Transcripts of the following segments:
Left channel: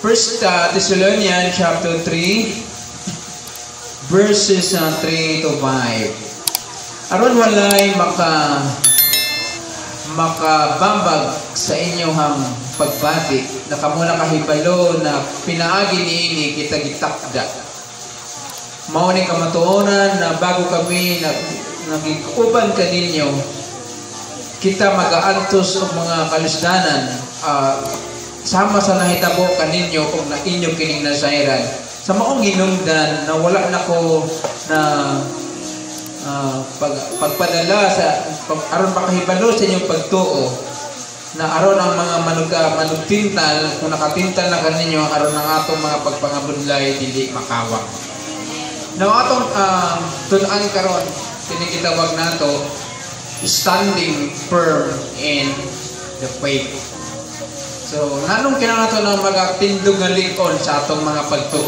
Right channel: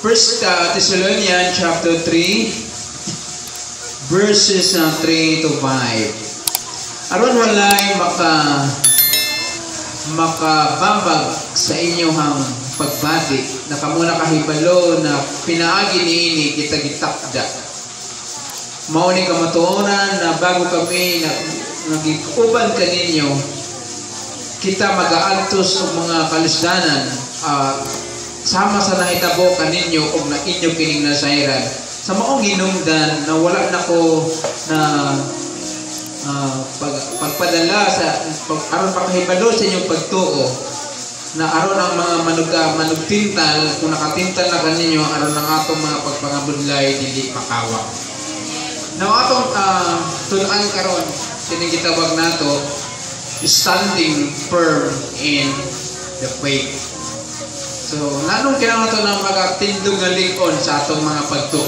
First Thessalonians chapter 3, verses 3 to 5. Aron walay makabambag sa inyong pagbati na kamo nakahibalo na pinaagi niini kita gitakda. Mao ni kamatuonan na bago kami nagikuban kaninyo, kita mag-aantos sa mga kalisdanan sama sa nahitabo kaninyo kung na inyo kining nasairan. Sa maong hinungdan na wala na ko na pagpadala sa aron pakahibalo sa inyong pagtuo na aron ang mga manugtintal kung nakatintal na kaninyo aron ang atong mga pagpangabudlay dili makawang. Now atong tunan karon kining gitawag nato standing firm in the faith. So nanong kinahanglan nato na magapindog na lig-on sa atong mga pagtuo.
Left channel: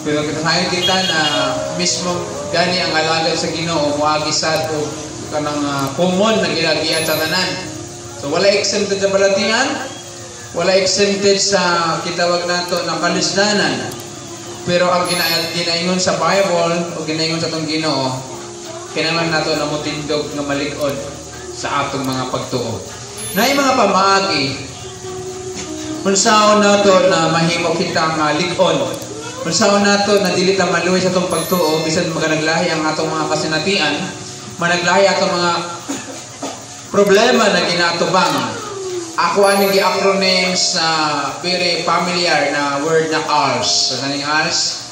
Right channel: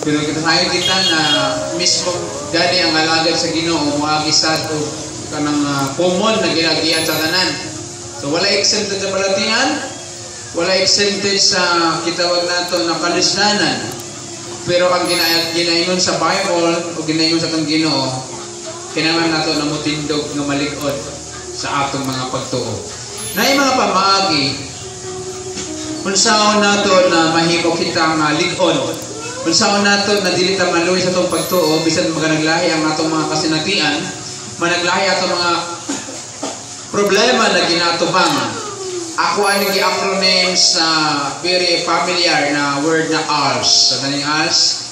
Pero kita nakikita na mismo gani ang alagad sa Ginoo moagi sad og kanang pumon na gilagian sa tanan. So wala exempted sa balatingan, wala exempted sa kitawag nato na kalisdanan. Pero ang ginaingon sa Bible o ginaingon sa atong Ginoo, kinahanglan nato na motindog nga malig-on sa atong mga pagtuo. Naay mga pamaagi kung saan nato na mahimo kita malig-on, kung saan nato na dili ta maluwi sa atong pagtuo bisan maganaglahi ang atong mga kasinatian, managlahi atong mga problema na ginatubang. Ako ang nag-acronyms na very familiar na word na ALS. So, ganing ALS,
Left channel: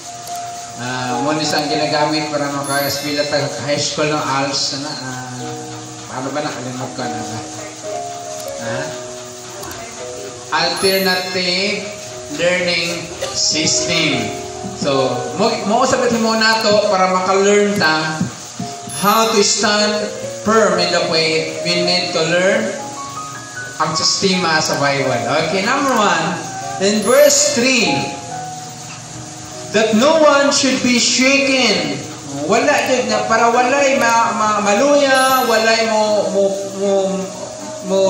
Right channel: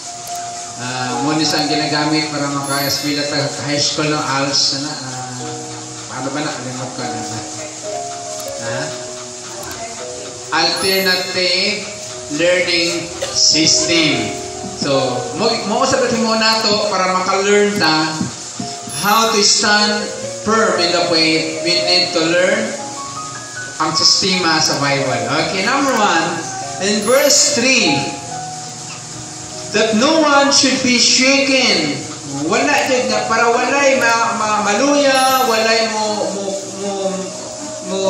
muna isang ginagamit para maka-eskwela high school ng ALS. Ano ba na? Kalimot ka na. Alternative Learning System. So, sabihin mo na ito para maka-learn ta how to stand firm in the faith. We need to learn ang sistema sa Bible. Okay, number 1, in verse 3, that no one should be shaken. Wala dyan na, para walay maluya, walay mo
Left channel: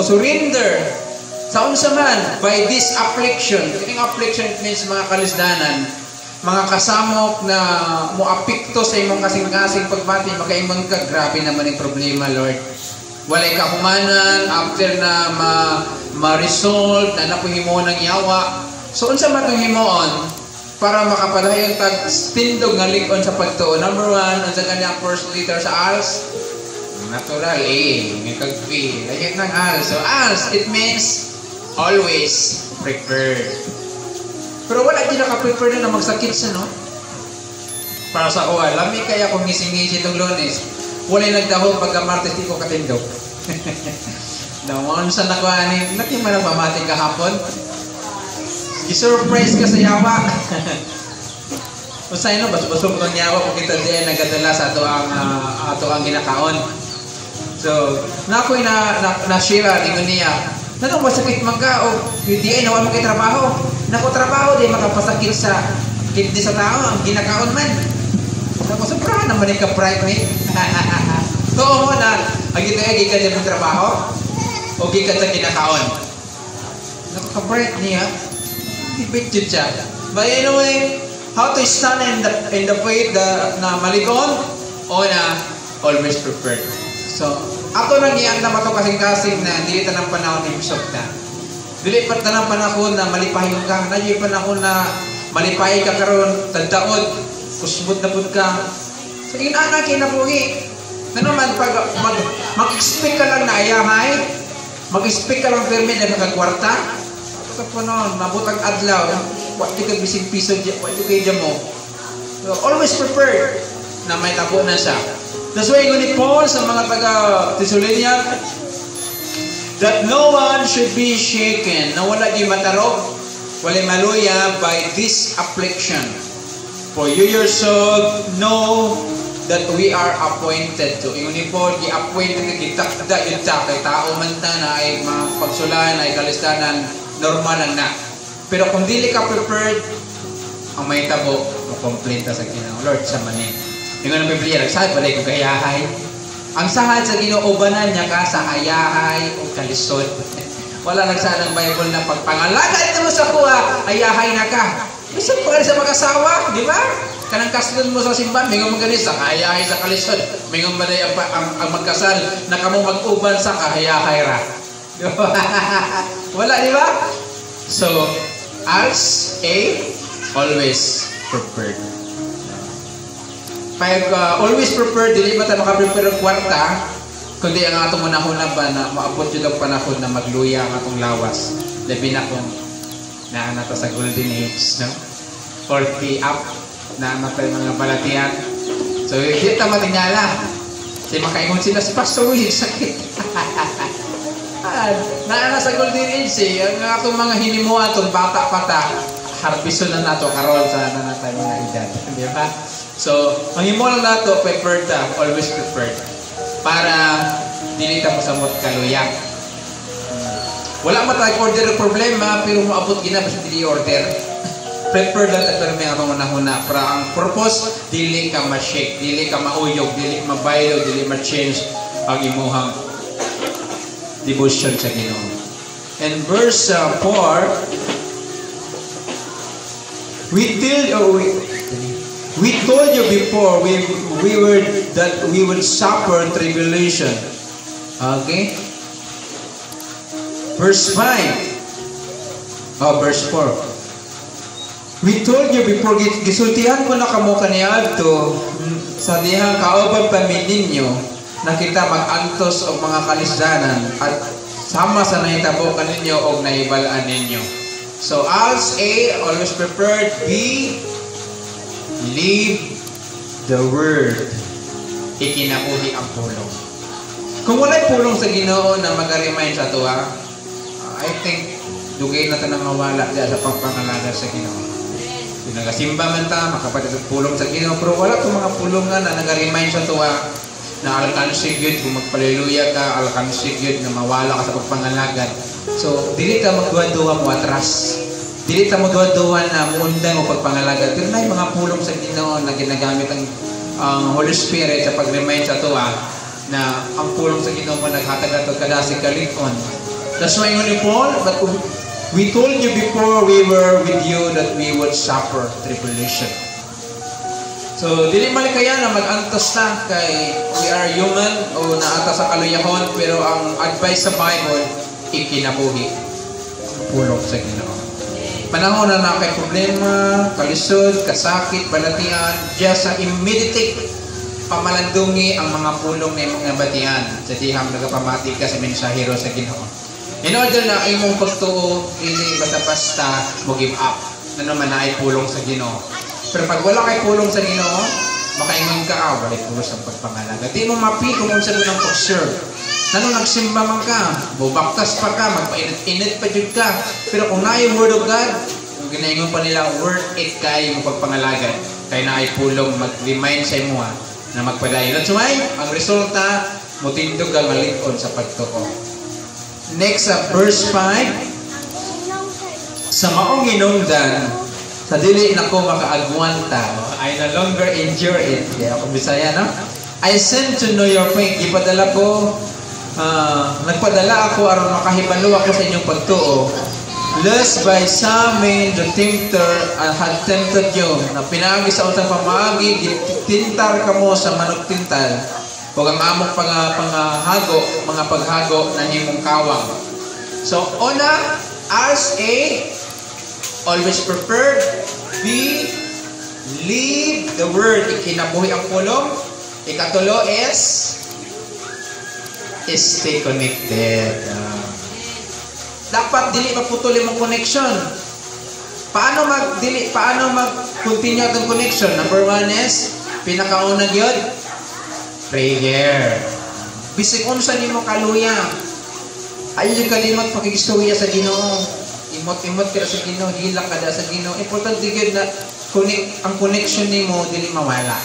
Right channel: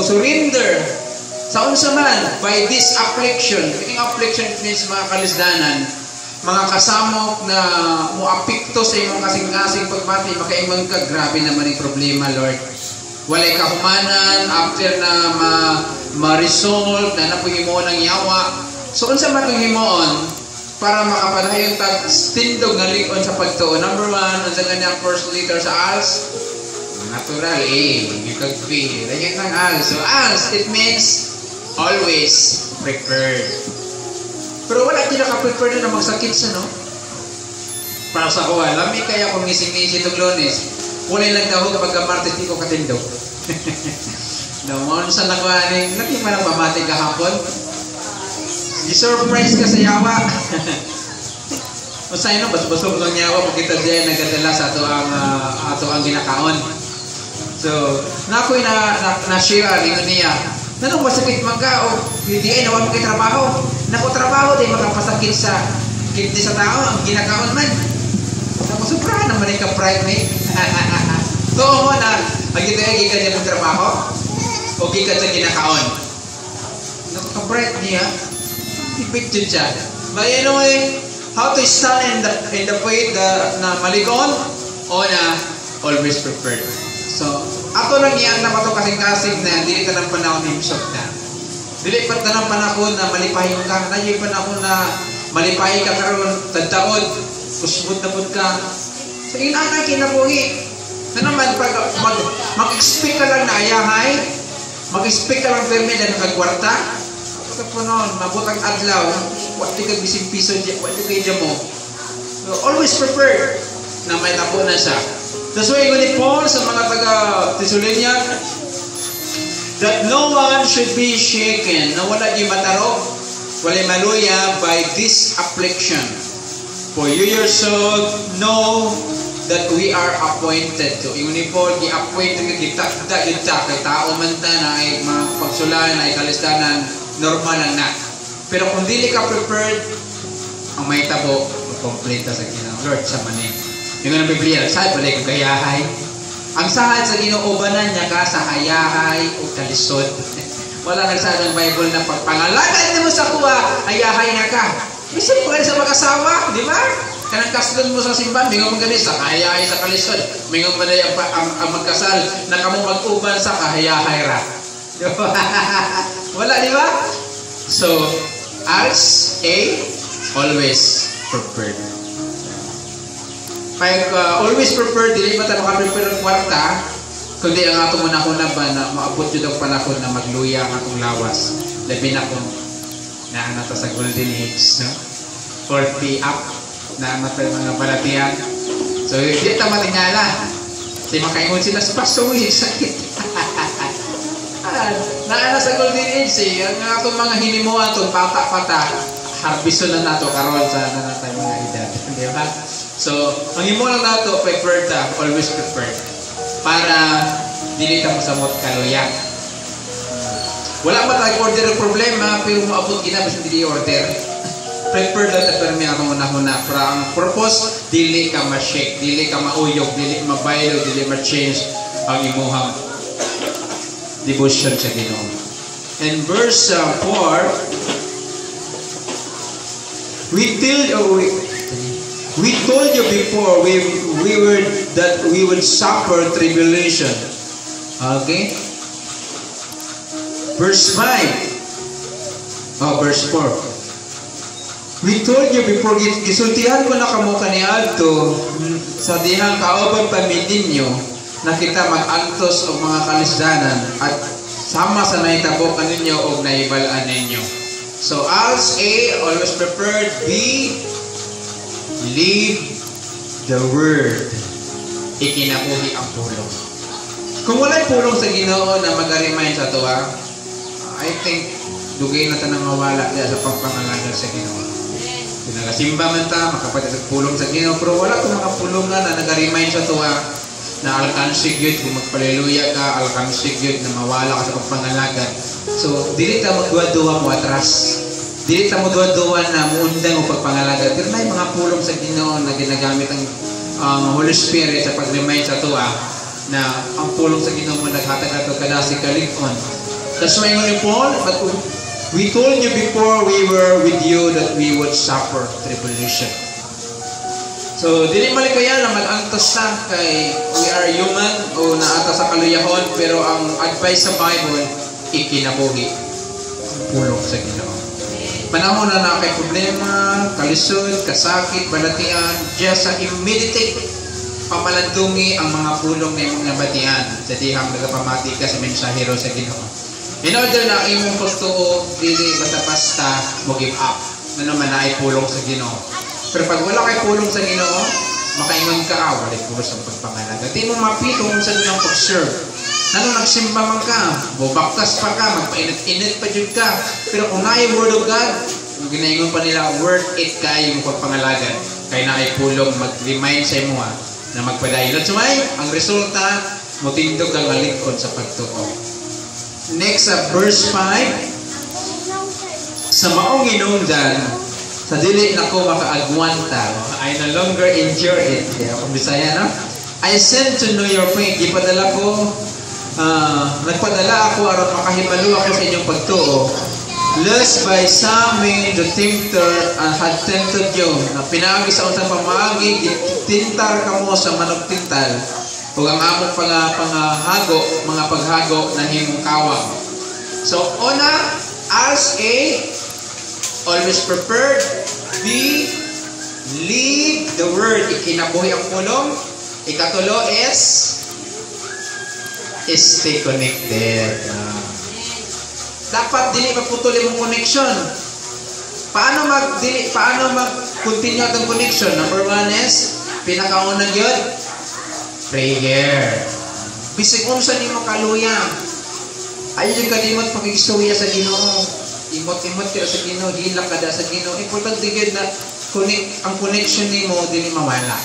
surrender. Sa unsa man, by this affliction. Yung affliction means mga kalisdanan, mga kasamok na muapikto sa imong kasing-kasing pagbati, makaingon ka, grabe naman yung problema, Lord. Walay kahumanan after na ma-resolve na napahimo ng yawa. So, unsa man itong himoon para makapadayon tag tindog nga lig-on sa pagtuo. Number 1, unsa kanyang first letter sa ALS? Natural, A. Mikag B. Lagyan ng ALS. So, ALS, it means always prepared. Pero wala din naka-prepared na magsakit sa, no? Para sa ko, lami kaya kung ngisi-ngisi itong Lunes. Walay nagdahog pagka-Martes di ko katindog. Naman sa nakanin, nakima na pamati kahapon. I-surprise ka sa yawa. Masaya na, basubasog ng yawa kung kita diyan nagdadala sa ato ang ginakaon. So, nako'y na-share rin niya. Nato masakit magka o hindi ay naman magkitrabaho. Naku trabaho din magpasakit sa kidney sa tao ang ginakaon man. Sobra naman yung ka-pride me. So, mo na, ang gitan niya magtrabaho, o gikan sa kinakaon. Nakaka-pride niya, ibig dyan siya. But anyway, how to stand in the faith na malikon, o na always prepared. So, ako lang iyang na mato kasing-kasing na dili tanang panahon yung shock na. Dili pa tanang panahon na malipahin ka. Dili pa panahon na malipahin ka karon tagdaod, kusbot na pud ka. So, inanay kinabuhi. Na naman, pag mag-expect ka lang na ayahay, mag-expect ka lang permit na magkakwarta, kapag noon, mabutang adlaw, pati ka bising piso, pati ka mo. So, always prepared na may tapunan siya. That's why ni Paul sa mga taga-Thessalonian, that no one should be shaken, na wala di matarog, wala maluya by this affliction. For you yourself know that we are appointed to. Yung ni Paul, i-appointed ka kita, kay tao man ta na ay mga pagsulan, ay kalistanan, normal lang na. Pero kung dili ka prepared, ang may tabo, makompleta sa Ginoo. Lord, sa manin. Yung ang Biblia, saan pala yung kayahay? Ang sahad sa ginoobanan niya ka sa hayahay o kalisod. O Wala nagsaad ng Bible na pagpangalagaan mo sa kuha, ayahay na ka. Isip ko sa mag-asawa, di ba? Kanang kasunod mo sa simbahan, mingon mo ganit sa kahayahay sa kalisod. Mingon mo na ang magkasal na kamo mag-uban sa kahayahay ra. Di ba? Wala, di ba? So, as a always prepared. Kaya always prepared, dili ba tayo makaprepare ng kwarta, kundi ang atong manahuna ba na maabot yun ang panahon na magluya ang atong lawas. Labi na kung na to sa golden age, no? 40 up na tayo mga balatian. So, hindi na matingala. Kasi makaingon sila sa pasulit, sakit. Na sa golden age, ang atong mga hinimuan, itong pata-pata, harbison na nato karon sa natin mga edad. Di ba? So, ang himuan na ito, prepared ta, always prepared. Para dili ta mo sa magkaluyak. Wala man tayo order ng problema, pero maabot gina bisan dili order. Prepared na tayo may una-una. Para ang purpose, dili ka ma-shake, dili ka mauyog, dili mabaylo, dili ma-change ang imuhang devotion sa Ginoo. And verse 4, we told you before that we would suffer tribulation. Okay? Verse 5. Verse 4. We told you before, gisultihan ko na kamo kaniadto sa dihang kaobang pamilya na kita mag-antos o mga kalisdanan at sama sa naitabo kaninyo o naibalaan ninyo. So as A, always prepared. B, live the word. Ikinabuhi ang pulong. Kung wala'y pulong sa Ginoo na mag-remind sa ito, I think dugay na ito nang mawala dyan sa pagpangalaga sa Ginoo. Kung nagasimba man ta, makapatid pulong sa Ginoo, pero wala itong mga pulong na nag-remind sa ito, na alkansig yun, kung magpaliluya ka, alkansig yun, na mawala ka sa pagpangalaga. So, dili ta mo duwa-duwa mo atras. Dili ta mo duwa-duwa na muundang o pagpangalaga. Pero may mga pulong sa Ginoo na ginagamit ang Holy Spirit sa pag-remind sa tuwa na ang pulong sa Ginoo mo naghatag ato kada si kalikon. That's why ni Paul, but we told you before we were with you that we would suffer tribulation. So, dili malikaya na mag-antos sa kay we are human o naata sa kaluyahon, pero ang advice sa Bible, ikinabuhi. Pulong sa Ginoo. Panahon na na kay problema, kalisod, kasakit, balatian, just i-meditate, pamalandungi ang mga pulong ng mga batian sa dihang nagapamati ka sa mensahero sa Ginoo. In order na imong gusto dili basta-basta mo give up. Ano man na ay pulong sa Ginoo. Pero pag wala kay pulong sa Ginoo, makaingon ka, walay pulong sa pagpangalaga. Di mo mapito kung sa ng pag-serve. Ano, nagsimba man ka, bubaktas pa ka, mapainit-init pa dyan ka. Pero kung na yung word of God, kung ginaingon pa nila, worth it kayo yung pagpangalaga. Kaya na ay pulong, mag-remind sa imo na magpadayon. At sumay, ang resulta, mutindog ang alingkod sa pagtuo. Next, verse 5. Sa maong inungdan, sa dili na ko makaagwanta, I no longer endure it. Kung Bisaya, no? I sent to know your faith. Ipadala ko, nagpadala ako aron makahibalo ako sa inyong pagtuo. Lest by some the tempter had tempted you, na pinagi sa utang pamaagi, tintar ka mo sa manok tintal, huwag ang amok panghago, mga paghago na himong kawang. So, una, as A, always prepared. B, live the word. Ikinabuhi ang pulong. Ikatulo is stay connected. Dapat dili maputuli mong connection. Paano mag-continue ang connection? Number 1 is pinakaunang yun, prayer. Bisig kung saan mo kaluya, ayaw yung kalimot pakikisuya sa Ginoo. Imot-imot ka sa Ginoo, hilang ka sa Ginoo. Importante yun na ang connection ni mo dili mawala.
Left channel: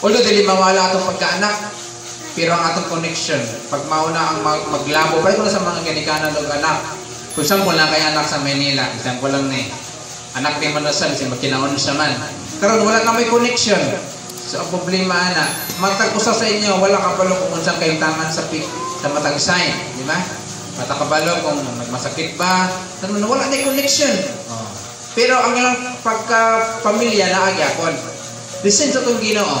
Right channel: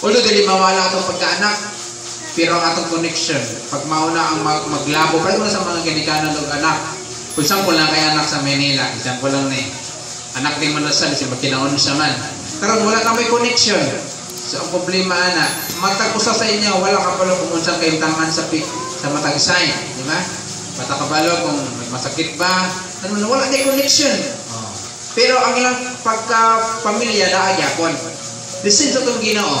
Although dili mawala itong pagkaanak, pero ang atong connection, pag mauna ang maglabo, pero sa mga ginikanan ng anak, kung saan ko lang kay anak sa Manila, isang ko lang anak ni Manasan, si Makinaon sa man. Karon wala na may connection. So ang problema ana, magkakusa sa inyo, wala ka pala kung saan kayong taman sa matag sign, di ba? matakabalo kung masakit ba, wala na connection. Pero ang lang pagka-pamilya na agyapon. Listen to itong Ginoo.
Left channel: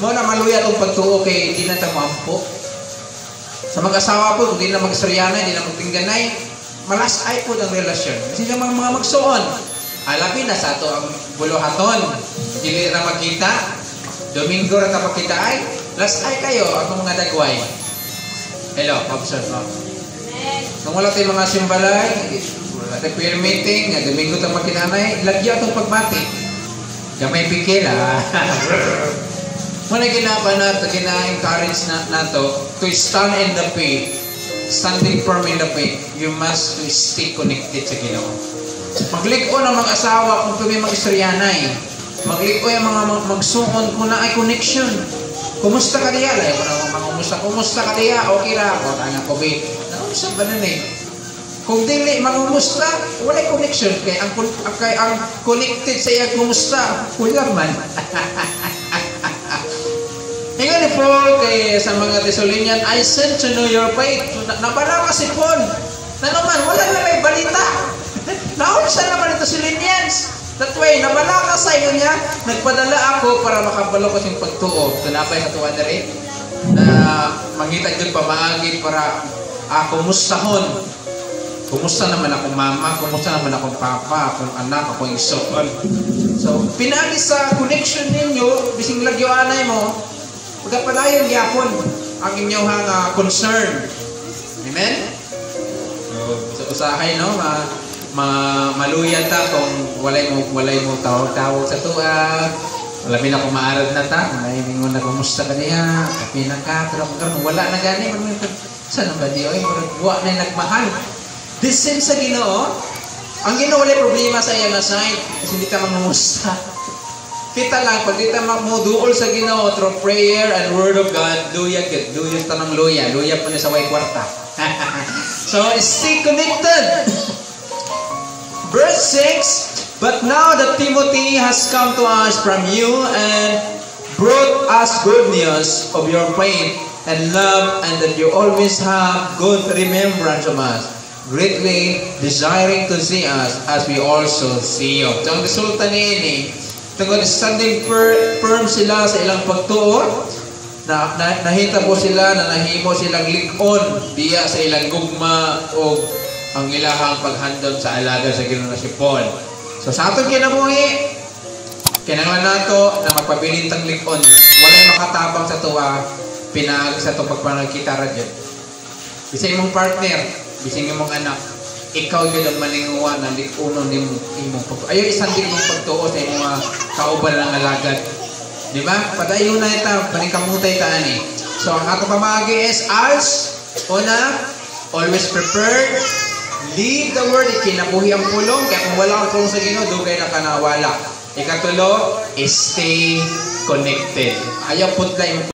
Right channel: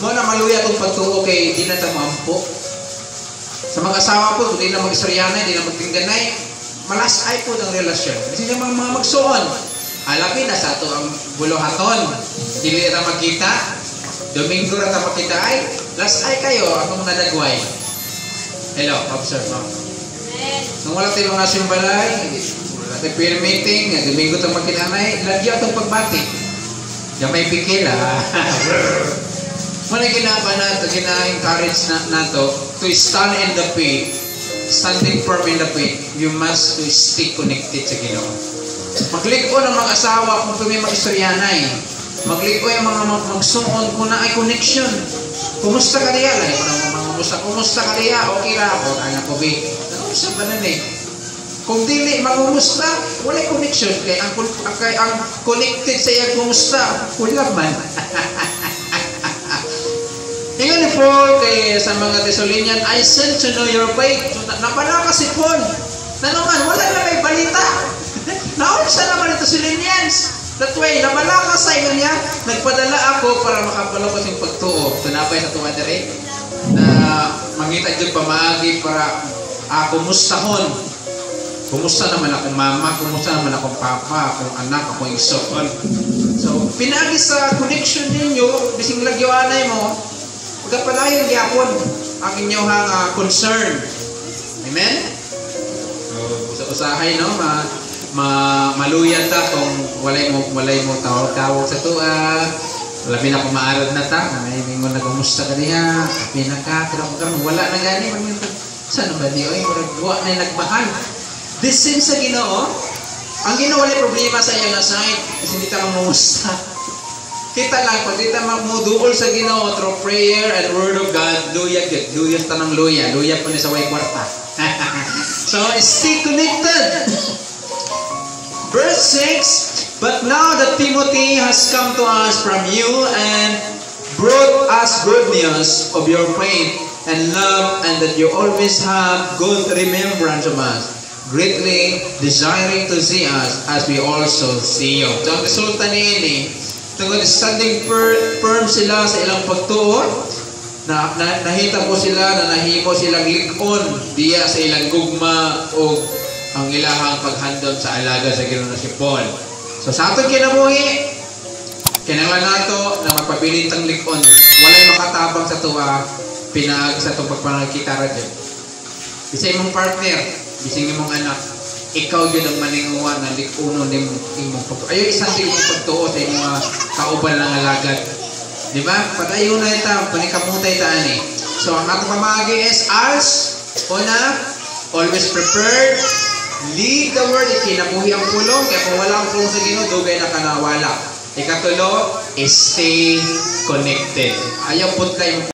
Mo na maluya itong pagtuo kay hindi na ito maampo. Sa mag-asawa po, hindi na mag-istoryanay, hindi na magtingganay, malasay po ng relasyon. Kasi yung mga magsuon, alapin na sa ito ang buluhaton. Dili na magkita, Domingo na ito magkita ay, lasay kayo ang mga dagway. Hello, observe mo. Nung wala tayo mga simbalay, at prayer meeting, Domingo ito magkinanay, lagyan itong pagbati. Gamay pikil, ha? Muna ginaba na ito, gina-encourage na ito, to stand in the faith, standing firm in the faith, you must to stay connected sa Ginoo. Magliko ng mga asawa kung kami mag-istoryanay. Magliko yung mga magsuon kung na ay connection. Kumusta ka diya? Kumusta ka diya? Okay ra. O, tanga ko, babe. Nausap ka na eh. Kung dili, magumusta, wala yung connection. Kaya ang connected sa iya, kumusta? Kulang man. Tingnan po kay sa mga Thessalonian, I sent to know your faith. Napala kasi po. Na naman, wala na may balita. Naunsa naman ito Thessalonians. That way, napala ka sa inyo niya, nagpadala ako para makabalo ko siyang pagtuo. Tunapay sa tuwa na rin. Na magkita dyan pamaagi para kumustahon. Kumusta naman akong mama, kumusta naman akong papa, akong anak, akong isopon. So, pinagi sa connection ninyo, bising lagyoanay mo, pagkapadayon yapon ang inyong concern. Amen? So, usahay, no? Maluyan ta kung walay mo tawag sa tuwa. Labi na kung maarad na ta, mahiling mo na kumusta ka niya, pinaka, wala na gani. Saan ba niyo? Magagawa na yung nagmahal. This same sa Ginoo, ang Ginoo wala problema sa iyang side kasi hindi ta mamusta. Kita lang, pag di ta magmuduol sa Ginoo through prayer and word of God, luya tanang luya po niya sa way kwarta. So, stay connected. Verse 6, but now that Timothy has come to us from you and brought us good news of your faith and love, and that you always have good remembrance of us, greatly desiring to see us as we also see you. So, ang resulta niini, tungkol standing firm sila sa ilang pagtuo, nahita po sila na nahimo silang likon diya sa ilang gugma o ang ilahang paghandom sa alaga sa Ginoo si Paul. So sa atong kinabuhi, kinahanglan nato na magpabilintang likon. Walay makatabang sa tuwa, pinaagi sa itong pagpanagkita radyo. Bisay mong partner, bisay mong anak, ikaw yun ang maninguan na likunon din mo. Ayaw isang din mo pagtuo sa mga kauban ng alagad. Di ba? Pag-ayaw na ito, panikamutay taan eh. So ang atong kamagi is as, una, always prepared, lead the word, ikinabuhi ang pulong, kaya kung wala kang pulong sa Ginoo, dugay na kanawala. Ikatulo, stay connected. Ayaw punta yung